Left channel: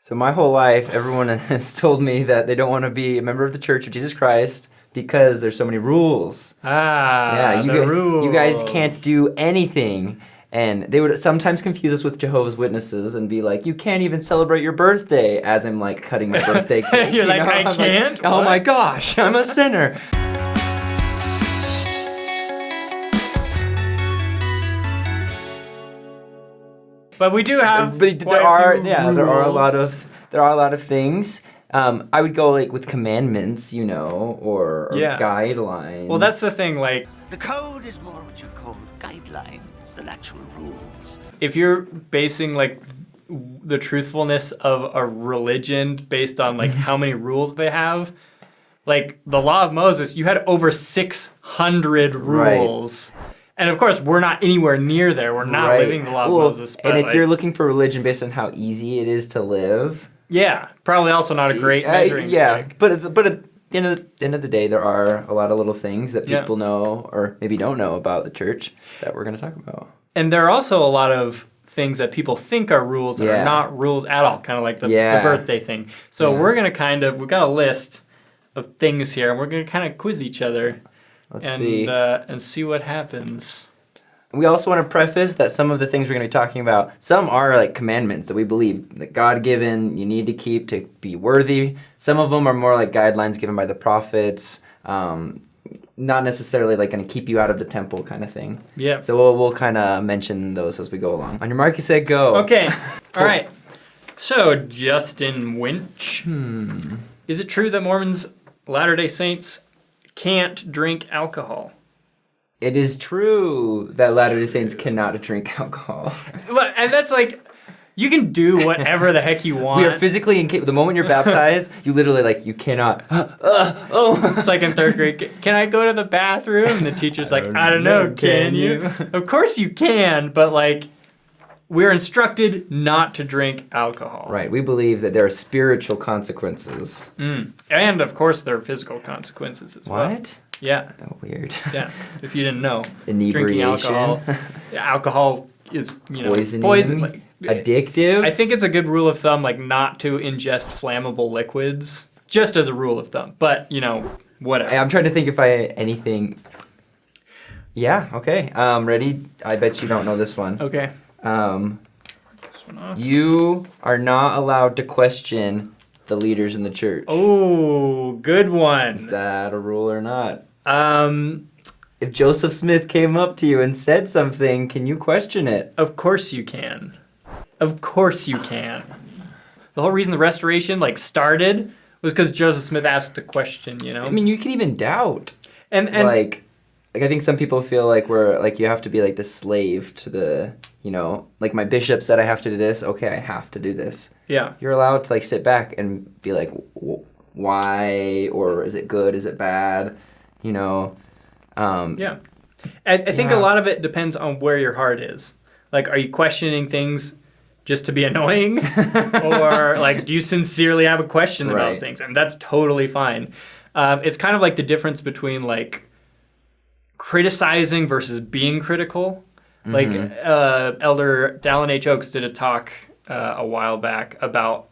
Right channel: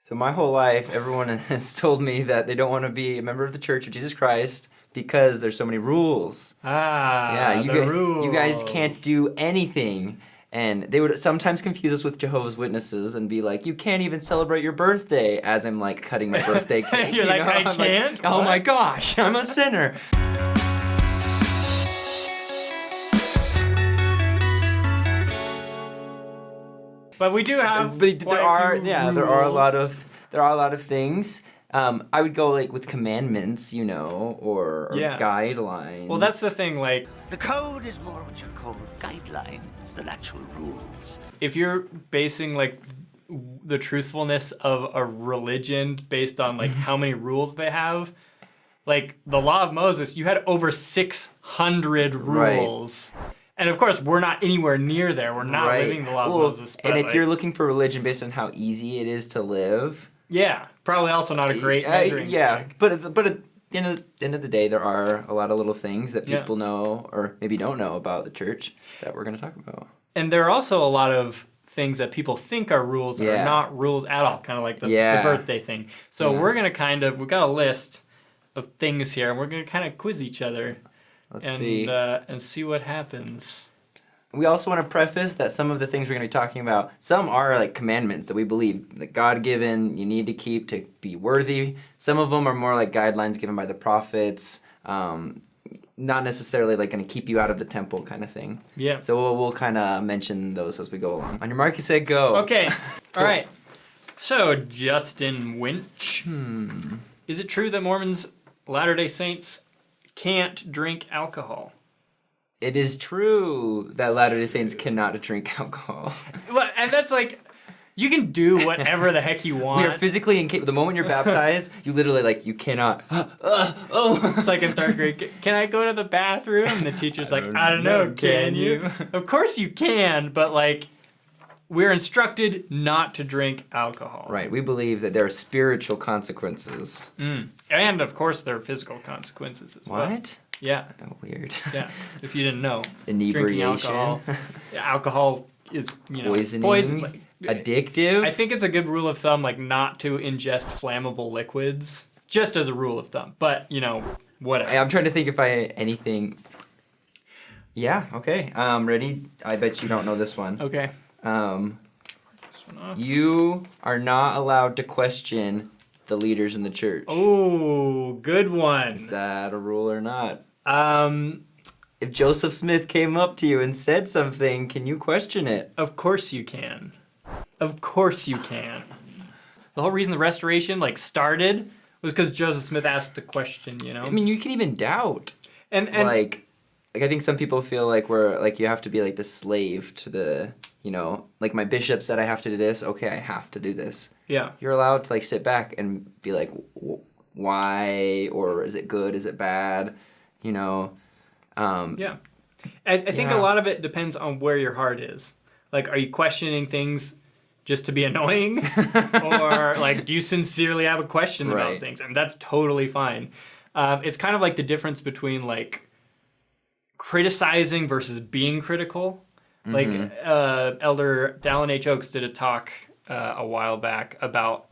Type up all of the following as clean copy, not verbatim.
So my whole life, everyone has told me that they don't want to be a member of the Church of Jesus Christ because there's so many rules. Yeah, The you guys can't rules. do anything. And they would sometimes confuse us with Jehovah's Witnesses and be like, you can't even celebrate your birthday, as I'm like cutting my birthday cake. You're like, I I'm can't? oh my What? gosh, I'm a sinner. But we do have But quite a few rules. there are a lot of things. I would go like with commandments, or Yeah. guidelines. Well, that's the thing. Like, The code is more what you'd call guidelines than actual rules. if you're basing like the truthfulness of a religion based on like how many rules they have, like the law of Moses, you had over 600 rules. And of course, we're not anywhere near there. We're not Right. living the law of Well, Moses. But and if like, you're looking for religion based on how easy it is to live, yeah, probably also not a great measuring stick. but at the end of the day, there are a lot of little things that Yeah. people know or maybe don't know about the church that we're going to talk about. And there are also a lot of things that people think are rules that Yeah. are not rules at all, kind of like the Yeah. birthday thing. So Yeah. we're going to we've got a list of things here, and we're going to kind of quiz each other Let's see. and see what happens. We also want to preface that some of the things we're going to be talking about, some are like commandments that we believe that God-given, you need to keep to be worthy. Some of them are more like guidelines given by the prophets, not necessarily like going to keep you out of the temple kind of thing. Yeah. So we'll kind of mention those as we go along. On your mark, you said go. Okay. All right. So, Justin Winch. Hmm. Is it true that Mormons, Latter-day Saints, can't drink alcohol? It is true that Latter-day Saints cannot drink alcohol. And that's like, you can do whatever the heck you want. We are physically incapable. The moment you're baptized, you literally you cannot. It's like in third grade. Can I go to the bathroom? And the teacher's like, I don't know. Can you? Of course you can, but like, we're instructed not to drink alcohol. Right. We believe that there are spiritual consequences. And of course, there are physical consequences as well. What? Yeah. Oh, weird. Yeah. If you didn't know, Inebriation. drinking alcohol. Alcohol is Poisoning. poison. Like, Addictive. I think it's a good rule of thumb, like not to ingest flammable liquids, just as a rule of thumb. But whatever. I'm trying to think if I anything. Yeah. Okay. Ready? I bet you don't know this one. Okay. You are not allowed to question the leaders in the church. Oh, good Is one. that a rule or not? Um, If Joseph Smith came up to you and said something, can you question it? of course you can. Of course you can. The whole reason the Restoration started was because Joseph Smith asked a question. I mean, you can even doubt. And Like I think some people feel like we're you have to be like the slave to the, like my bishop said I have to do this. Okay, I have to do this. yeah. You're allowed to sit back and be like, why, or is it good? Is it bad? Yeah. I think a Yeah. lot of it depends on where your heart is. Like, are you questioning things just to be annoying? Or, do you sincerely have a question about Right. things? And that's totally fine. It's kind of like the difference between, criticizing versus being critical. Elder Dallin H. Oaks did a talk a while back about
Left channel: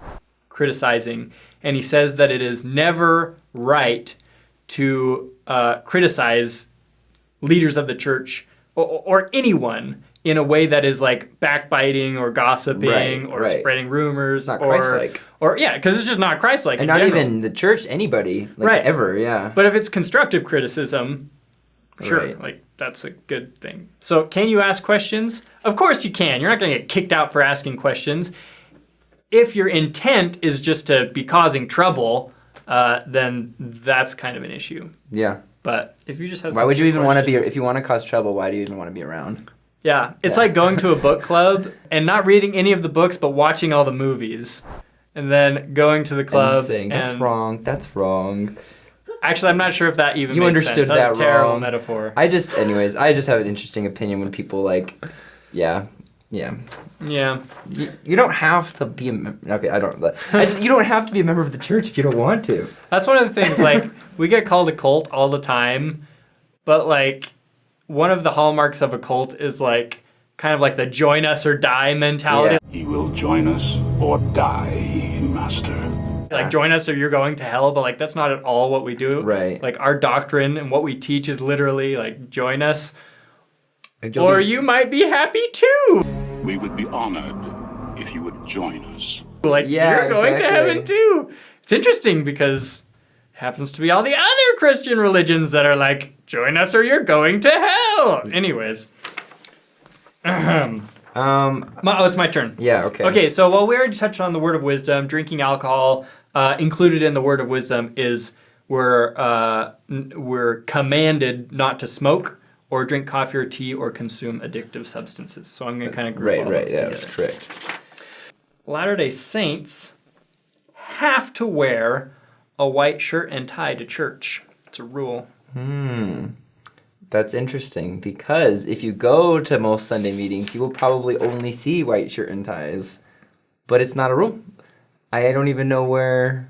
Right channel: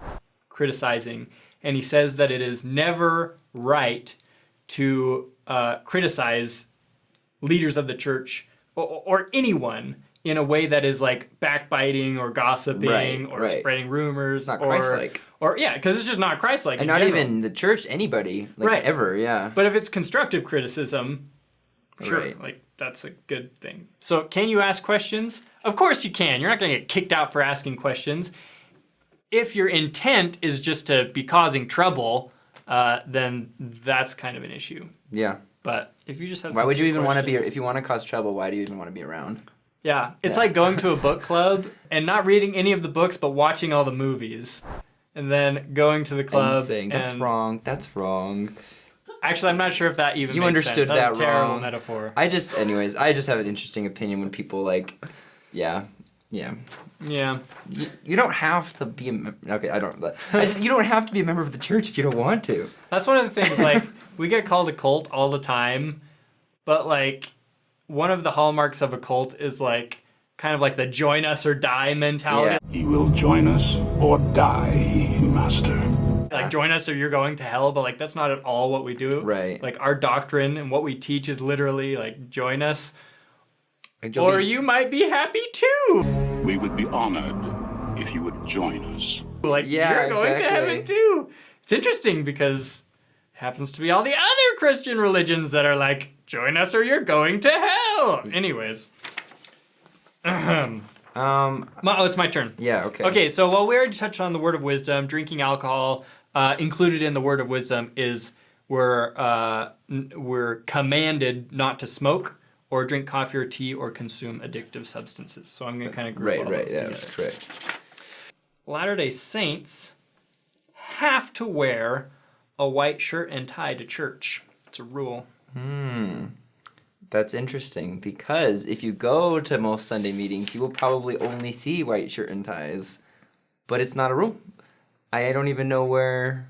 criticizing, and he says that it is never right to criticize leaders of the church or anyone in a way that is backbiting or gossiping or right. spreading rumors. It's not Christ-like. Because it's just not Christ-like And in not general. even the church, anybody, Right. ever, yeah. But if it's constructive criticism, sure, Right. that's a good thing. So can you ask questions? Of course you can. You're not going to get kicked out for asking questions. If your intent is just to be causing trouble, then that's kind of an issue. Yeah. But if you just have Why would you sincere even want to be, questions- if you want to cause trouble, why do you even want to be around? Yeah, it's Yeah. like going to a book club and not reading any of the books, but watching all the movies. And then going to the club And saying, that's wrong, that's wrong. Actually, I'm not sure if that even You made understood sense. That was that a terrible wrong. metaphor. I just have an interesting opinion when people yeah. Yeah. You don't have to be okay. You don't have to be a member of the church if you don't want to. That's one of the things, we get called a cult all the time, but, one of the hallmarks of a cult is, kind of like the join us or die mentality. He will join us or die, Master. Like, join us or you're going to hell, but like that's not at all what we do. Right. Like, our doctrine and what we teach is literally like, join us or you might be happy too. We would be honored if you would join us. Like, you're going to heaven too. It's interesting because it happens to be all the other Christian religions that are like, join us or you're going to hell. Anyways. It's my turn. Yeah, okay. Okay, so while we already touched on the word of wisdom, drinking alcohol, included in the word of wisdom is we're commanded not to smoke or drink coffee or tea or consume addictive substances. So I'm going to kind of group all those together. That's correct. Latter-day Saints have to wear a white shirt and tie to church. It's a rule. That's interesting, because if you go to most Sunday meetings, you will probably only see white shirt and ties. But it's not a rule. I don't even know where...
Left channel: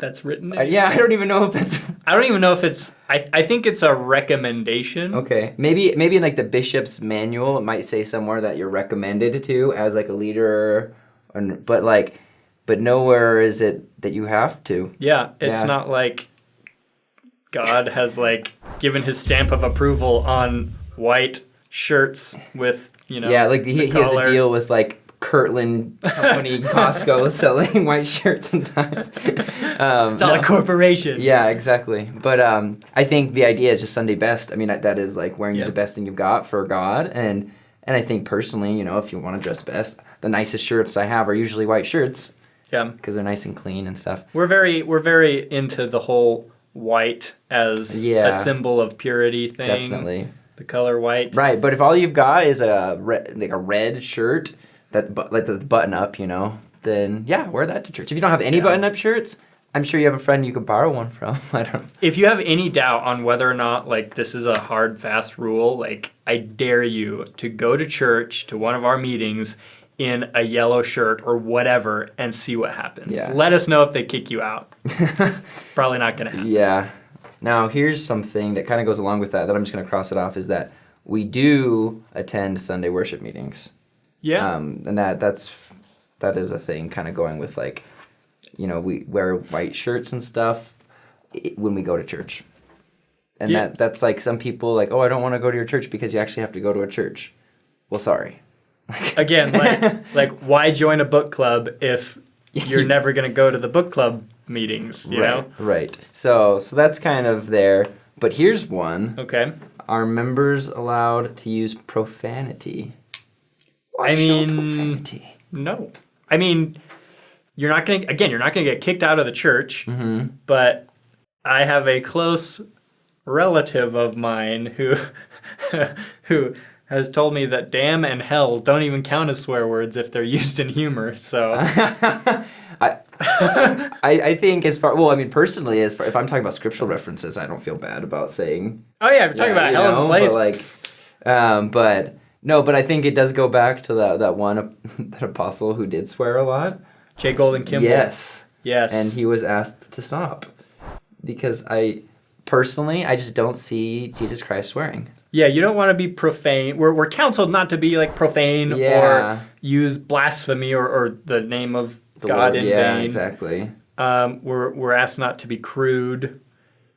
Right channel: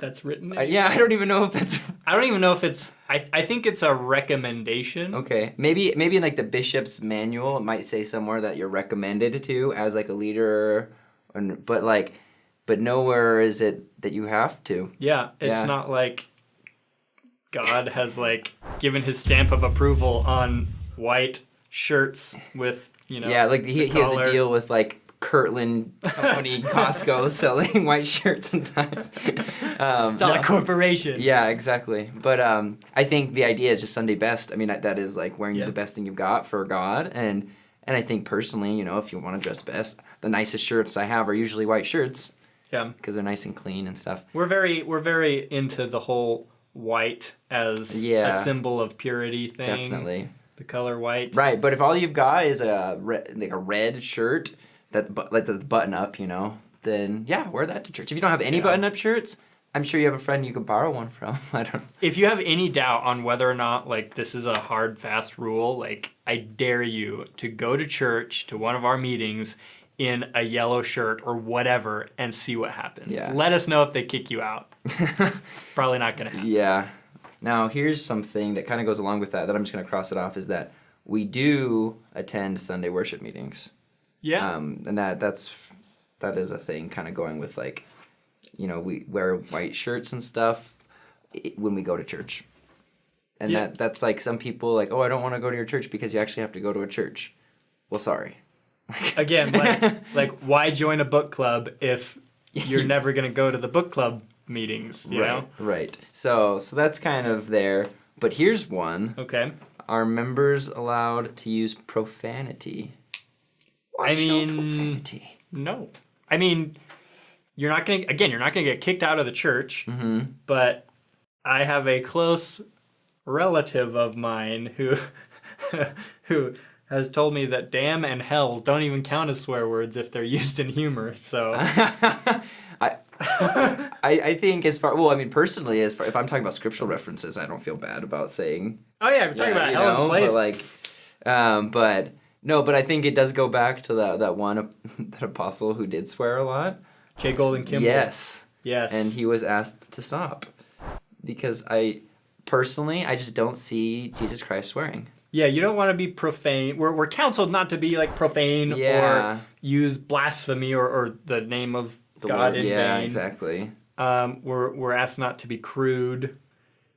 That's written I don't even know if that's... I don't even know if it's... I think it's a recommendation. Okay. Maybe in like the bishop's manual, it might say somewhere that you're recommended to as like a leader, but nowhere is it that you have to. Yeah, it's not like God has like given his stamp of approval on white shirts with, Yeah, like he has a deal with like Kirtland Company, Costco selling white shirts and ties. It's not a corporation. Yeah, exactly. But I think the idea is just Sunday best. I mean, that is like wearing the best thing you've got for God. And I think personally, if you want to dress best, the nicest shirts I have are usually white shirts. Yeah. Because they're nice and clean and stuff. We're very into the whole white as a symbol of purity thing. Definitely. The color white. Right, but if all you've got is a red shirt that like the button up, then wear that to church. If you don't have any button up shirts, I'm sure you have a friend you could borrow one from. I don't know. If you have any doubt on whether or not like this is a hard fast rule, like I dare you to go to church to one of our meetings in a yellow shirt or whatever and see what happens. Yeah. Let us know if they kick you out. Probably not going to happen. Yeah. Now, here's something that kind of goes along with that I'm just going to cross it off, is that we do attend Sunday worship meetings. Yeah. And that is a thing kind of going with like, we wear white shirts and stuff when we go to church. And that's like some people like, oh, I don't want to go to your church because you actually have to go to a church. Well, sorry. Again, like why join a book club if you're never going to go to the book club meetings, you know? Right. So that's kind of there. But here's one. Okay. Are members allowed to use profanity? Profanity. No. I mean, you're not going to get kicked out of the church, but I have a close relative of mine who has told me that damn and hell don't even count as swear words if they're used in humor, so... I think personally, if I'm talking about scriptural references, I don't feel bad about saying... Oh yeah, if you're talking about hell as a place. But I think it does go back to that one that apostle who did swear a lot. J. Golden Kimball. Yes. Yes. And he was asked to stop. Because I just don't see Jesus Christ swearing. Yeah, you don't want to be profane. We're counseled not to be like profane or use blasphemy or the name of God in vain. Yeah, exactly. We're asked not to be crude,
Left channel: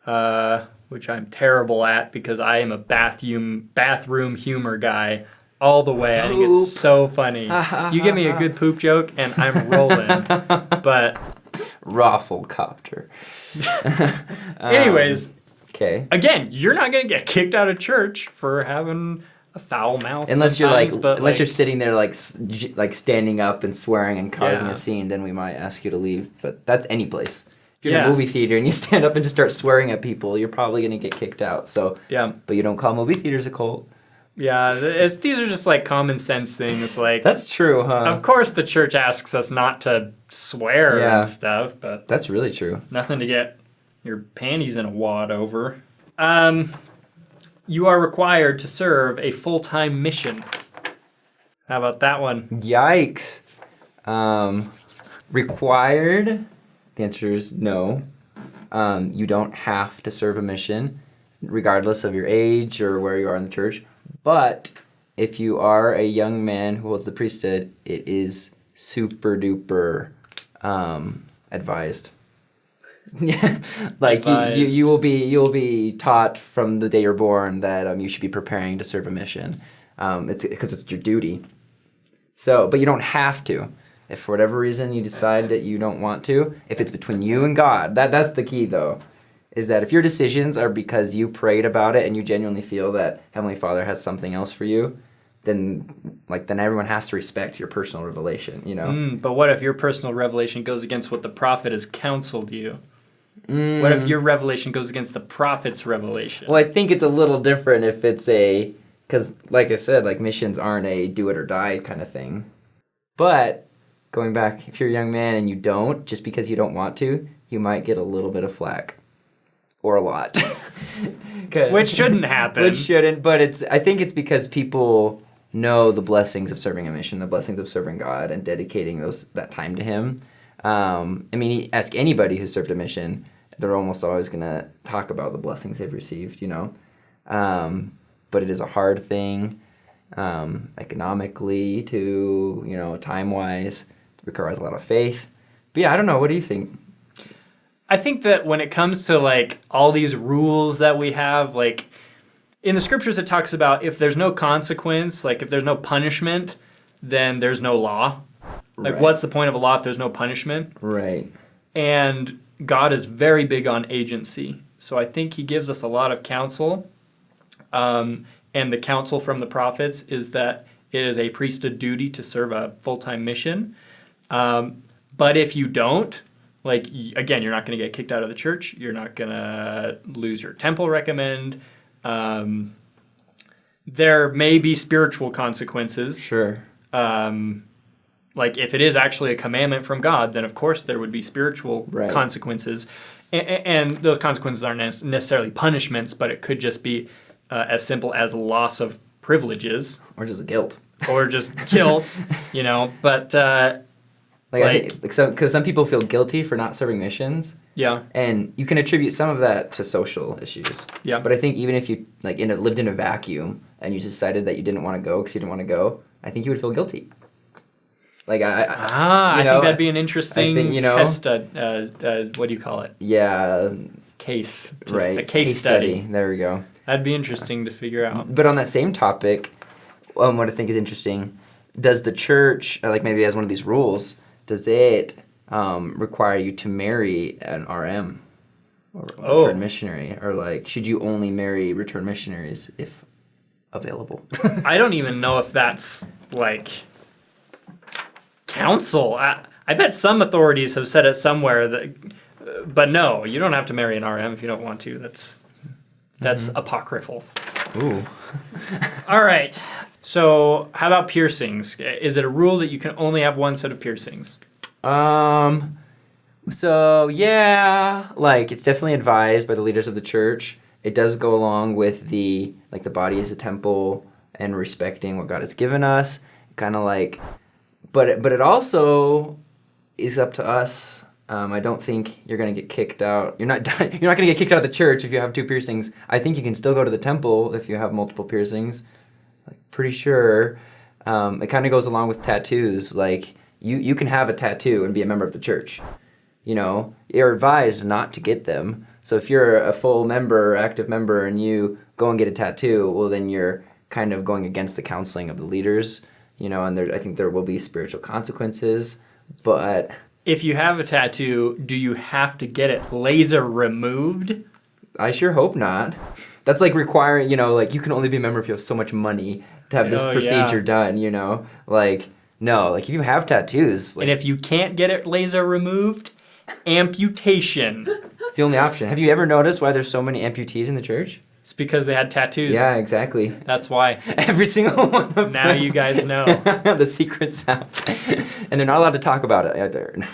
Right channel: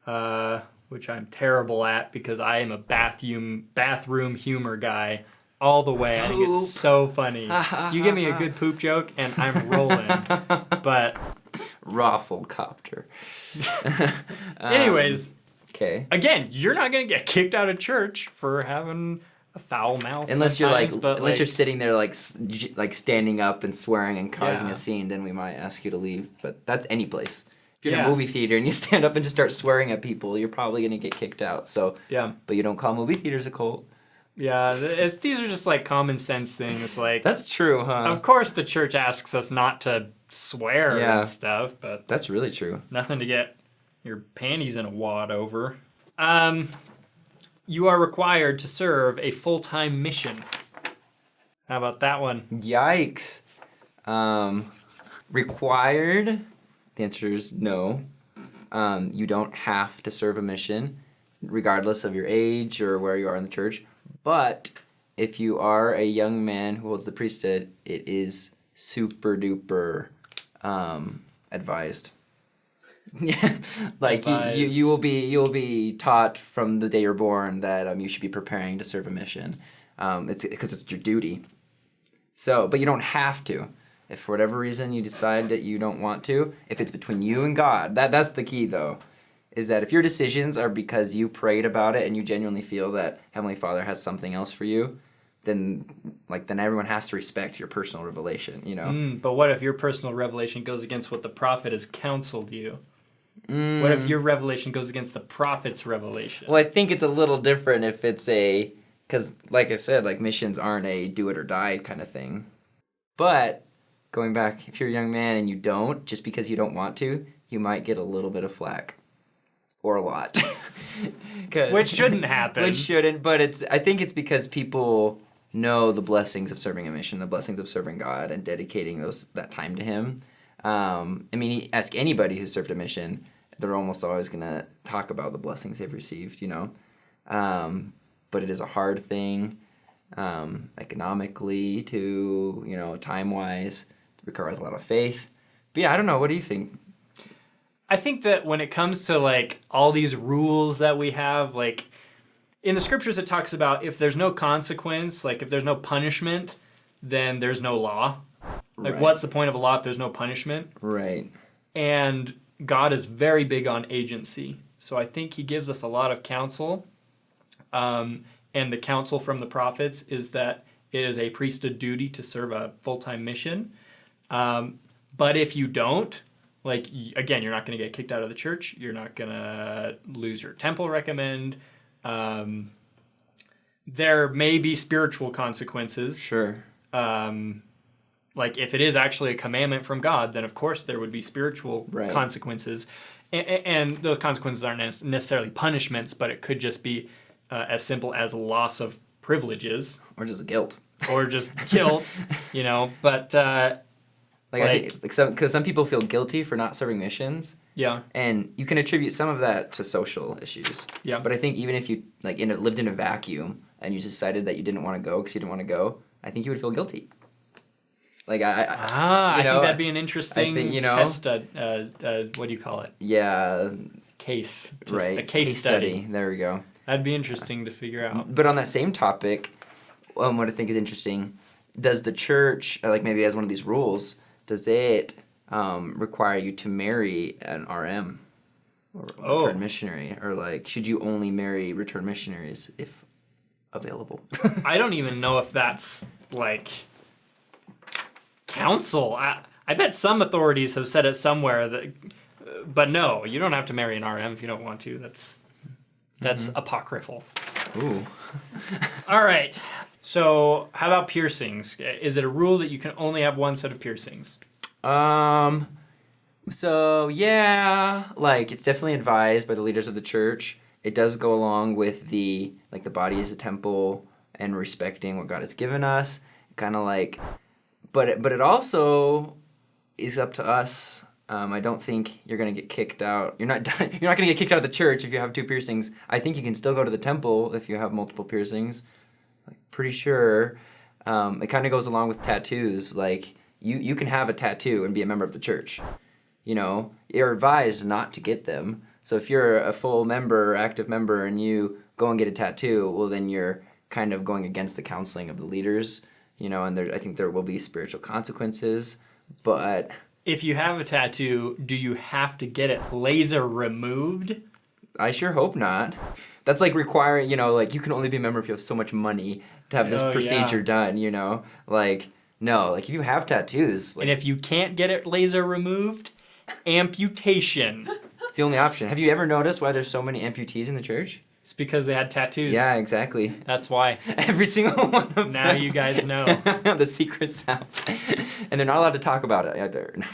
which I'm terrible at because I am a bathroom humor guy all the way. I think it's so funny. You give me a good poop joke and I'm rolling. But Rafflecopter. Anyways. Okay. Again, you're not going to get kicked out of church for having a foul mouth. Unless you're sitting there like standing up and swearing and causing a scene, then we might ask you to leave. But that's any place. If you're in a movie theater and you stand up and just start swearing at people, you're probably going to get kicked out. So but you don't call movie theaters a cult. Yeah, these are just like common sense things. Like that's true, huh? Of course, the church asks us not to swear and stuff, but that's really true. Nothing to get your panties in a wad over. You are required to serve a full-time mission. How about that one? Yikes. Required? The answer is no. You don't have to serve a mission, regardless of your age or where you are in the church. But if you are a young man who holds the priesthood, it is super duper advised. Yeah, like you will be taught from the day you're born that you should be preparing to serve a mission. It's because it's your duty. So, but you don't have to. If for whatever reason you decide that you don't want to, if it's between you and God, that's the key though, is that if your decisions are because you prayed about it and you genuinely feel that Heavenly Father has something else for you, then everyone has to respect your personal revelation, you know? But what if your personal revelation goes against what the prophet has counseled you? What if your revelation goes against the prophet's revelation? Well, I think it's a little different if it's because like I said, like missions aren't a do it or die kind of thing. But going back, if you're a young man and you don't, just because you don't want to, you might get a little bit of flack. Or a lot. Which shouldn't happen. Which shouldn't, but I think it's because people know the blessings of serving a mission, the blessings of serving God and dedicating that time to Him. I mean, ask anybody who served a mission, they're almost always going to talk about the blessings they've received, you know. But it is a hard thing, economically, to, you know, time-wise. It requires a lot of faith. But yeah, I don't know. What do you think? I think that when it comes to like all these rules that we have, like in the scriptures it talks about if there's no consequence, like if there's no punishment, then there's no law. Like Right. What's the point of a law if there's no punishment? Right. And God is very big on agency. So I think He gives us a lot of counsel. And the counsel from the prophets is that it is a priesthood duty to serve a full-time mission. But if you don't, like, again, you're not going to get kicked out of the church. You're not going to lose your temple recommend. There may be spiritual consequences. Sure. Like, if it is actually a commandment from God, then, of course, there would be spiritual Right. consequences. And those consequences aren't necessarily punishments, but it could just be as simple as loss of privileges. Or just guilt. Or just guilt, you know. But... Because some people feel guilty for not serving missions, yeah, and you can attribute some of that to social issues. Yeah. But I think even if you lived in a vacuum and you decided that you didn't want to go because you didn't want to go, I think you would feel guilty. Like I think that'd be an interesting test. What do you call it? Yeah. Case. Right. A case study. There we go. That'd be interesting to figure out. But on that same topic, what I think is interesting, does the church, like maybe as one of these rules, does it require you to marry an RM or a return missionary? Or like, should you only marry return missionaries if available? I don't even know if that's like counsel. I bet some authorities have said it somewhere that, but no, you don't have to marry an RM if you don't want to. That's apocryphal. Ooh. All right. So, how about piercings? Is it a rule that you can only have one set of piercings? So yeah, like it's definitely advised by the leaders of the church. It does go along with the body is a temple and respecting what God has given us. Kind of like, but it also is up to us. I don't think you're gonna get kicked out. You're not gonna get kicked out of the church if you have 2 piercings. I think you can still go to the temple if you have multiple piercings. Pretty sure. It kind of goes along with tattoos. Like you can have a tattoo and be a member of the church. You know, you're advised not to get them. So if you're a full member, active member, and you go and get a tattoo, well, then you're kind of going against the counseling of the leaders. You know, and I think there will be spiritual consequences. But if you have a tattoo, do you have to get it laser removed? I sure hope not. That's like requiring, you know, like you can only be a member if you have so much money to have this procedure done, you know? Like, no, like if you have tattoos. Like, and if you can't get it laser removed, amputation. It's the only option. Have you ever noticed why there's so many amputees in the church? It's because they had tattoos. Yeah, exactly. That's why. Every single one of them. Now you guys know. The secret's out. And they're not allowed to talk about it either. No,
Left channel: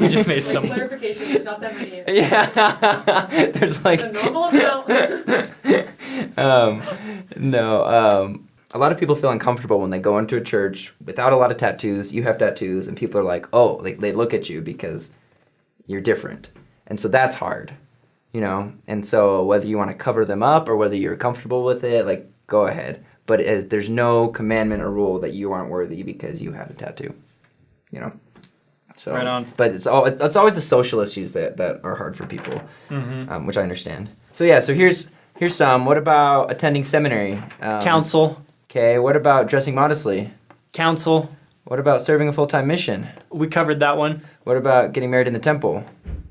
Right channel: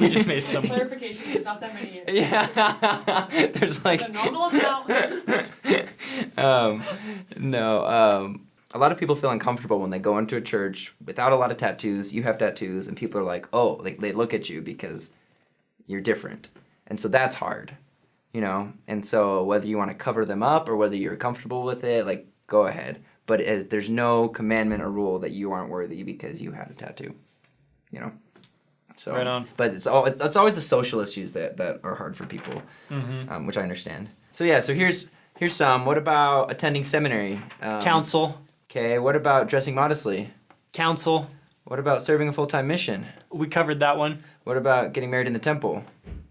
we just made some. Clarification, there's not that many. Yeah. There's like... A normal amount. A lot of people feel uncomfortable when they go into a church without a lot of tattoos. You have tattoos, and people are like, oh, they look at you because you're different. And so that's hard, you know? And so whether you want to cover them up or whether you're comfortable with it, like, go ahead. but there's no commandment or rule that you aren't worthy because you had a tattoo. You know. So, Right on. But it's always the social issues that are hard for people, which I understand. So yeah, so here's some. What about attending seminary? Counsel. Okay. What about dressing modestly? Counsel. What about serving a full-time mission? We covered that one. What about getting married in the temple?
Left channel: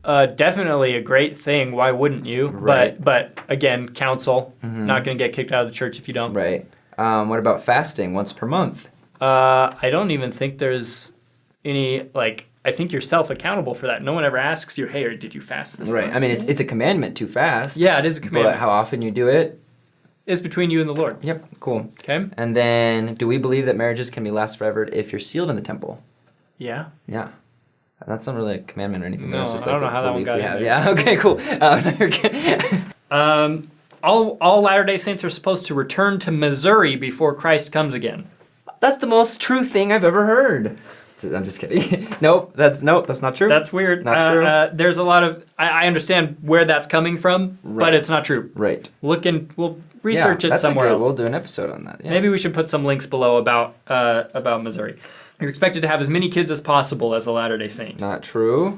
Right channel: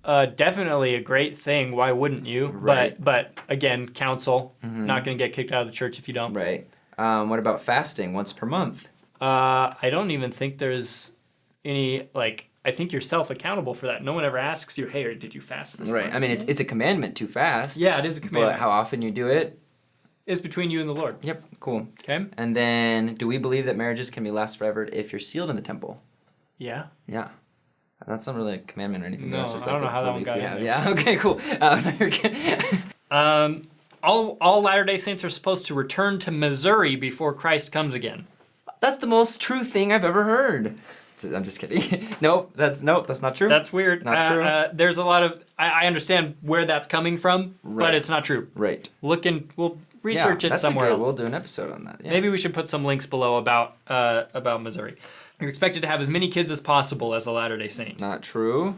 Definitely a great thing. Why wouldn't you? Right. But again, counsel. Not going to get kicked out of the church if you don't. Right. What about fasting once per month? I don't even think there's any, like, I think you're self-accountable for that. No one ever asks you, hey, or did you fast this Right. month? I mean, it's a commandment to fast. Yeah, it is a commandment. But how often you do it? It's between you and the Lord. Yep. Cool. Okay? And then, do we believe that marriages can be last forever if you're sealed in the temple? Yeah. Yeah. That's not really a commandment or anything. No, That's just I don't like know a how that one belief got we in have. there. Yeah. Okay. Cool. No, you're good. All Latter-day Saints are supposed to return to Missouri before Christ comes again. That's the most true thing I've ever heard. I'm just kidding. Nope, that's not true. That's weird. Not true. There's a lot of... I understand where that's coming from, Right. but it's not true. Right. We'll research it that's somewhere else. We'll do an episode on that. Yeah. Maybe we should put some links below about Missouri. You're expected to have as many kids as possible as a Latter-day Saint. Not true.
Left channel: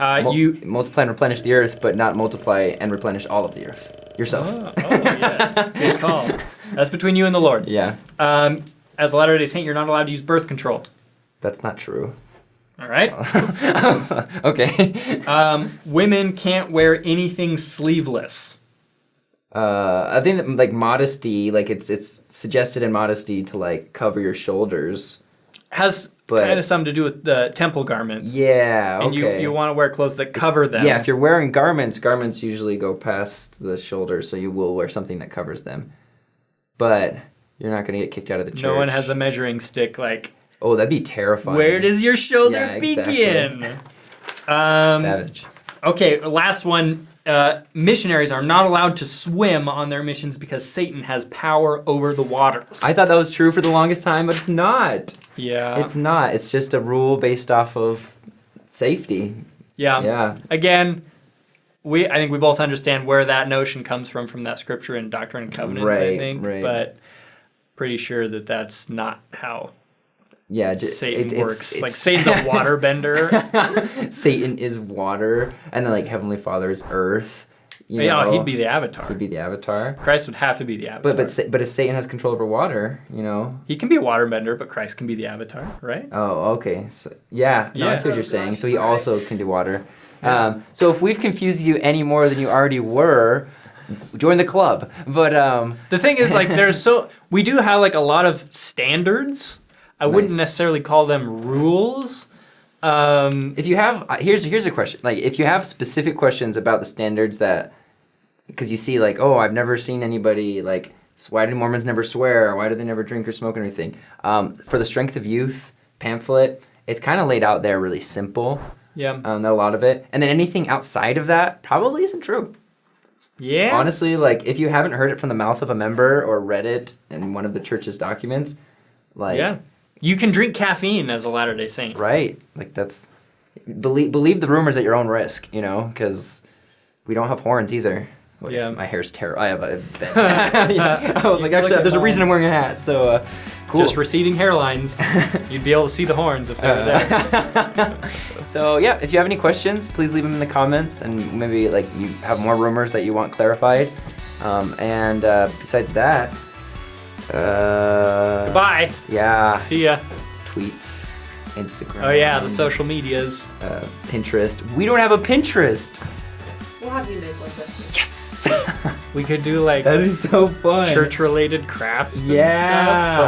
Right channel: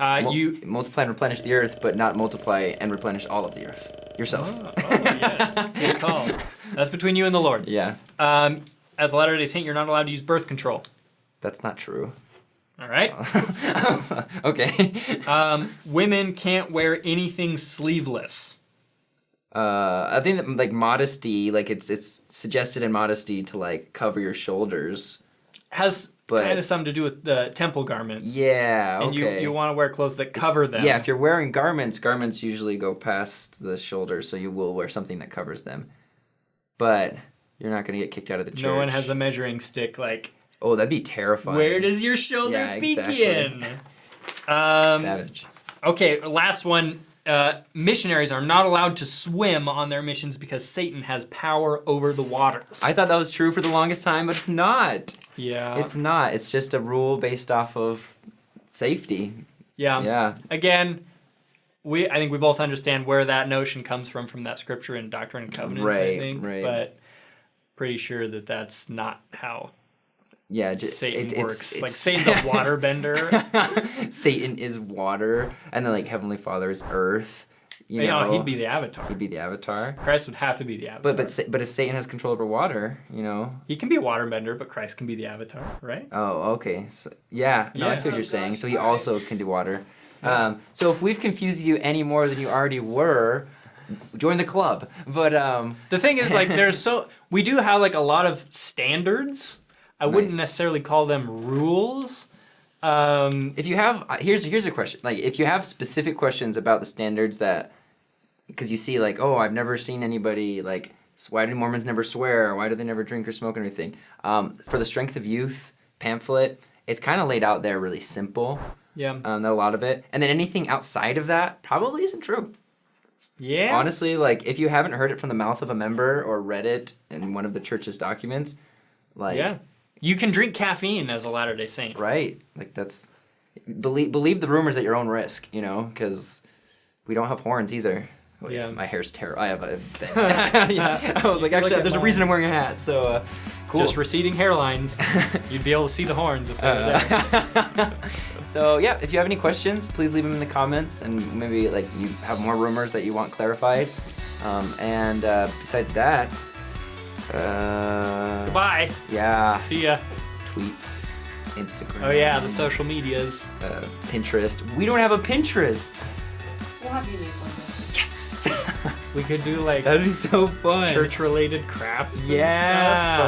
You Multiply and replenish the earth, but not multiply and replenish all of the earth. Yourself. yes, good call. That's between you and the Lord. Yeah. As a Latter-day Saint, you're not allowed to use birth control. That's not true. All right. Okay. Women can't wear anything sleeveless. I think that, like, modesty, like it's suggested in modesty to like cover your shoulders. Has But- kind of something to do with the temple garments. Yeah. And Okay. you want to wear clothes that cover them. Yeah, if you're wearing garments usually go past the shoulder, so you will wear something that covers them. But you're not going to get kicked out of the church. No one has a measuring stick like, Oh, that'd be terrifying. where does your shoulder Yeah, exactly. begin? Savage. Okay, last one. Missionaries are not allowed to swim on their missions because Satan has power over the waters. I thought that was true for the longest time, but it's not. Yeah. It's not. It's just a rule based off of safety. Yeah. Yeah. Again, I think we both understand where that notion comes from that scripture in Doctrine and Covenants, I Right, think. right. But pretty sure that that's not how Yeah. Satan works. Like, Satan's a waterbender. Satan is water, and then like Heavenly Father is earth. You know, he'd be the avatar. He'd be the avatar. Christ would have to be the avatar. But if Satan has control over water, you know. He can be a waterbender, but Christ can be the avatar, right? Oh, okay. So, yeah, no, Yeah. I see what you're saying. So he also can do water. So if we've confused you any more than you already were, join the club. But The thing is, like, we do have like a lot of standards. I wouldn't Nice. necessarily call them rules. if you have, here's a question. Like, if you have specific questions about the standards that, because you see, like, oh, I've never seen anybody like, so why do Mormons never swear? Why do they never drink or smoke or anything? For the Strength of Youth pamphlet, it's kind of laid out there really simple. Yeah. Not a lot of it, and then anything outside of that probably isn't true. Yeah. Honestly, like, if you haven't heard it from the mouth of a member or read it in one of the church's documents, like, Yeah. You can drink caffeine as a Latter-day Saint. right, like, that's, believe the rumors at your own risk, you know, because we don't have horns either. Well, Yeah. my hair's terrible. I have a yeah. I was like, look actually, at there's a mine. reason I'm wearing a hat, so, cool. Just receding hairlines. You'd be able to see the horns if they were there. So yeah, if you have any questions, please leave them in the comments, and maybe like you have more rumors that you want clarified. And besides that, Bye. yeah, See ya. tweets, Instagram. Oh yeah, the social medias. Pinterest. We don't have a Pinterest. We'll have you make one this. Yes. We could do like That'd be so fun. church-related crafts. and Yeah. stuff,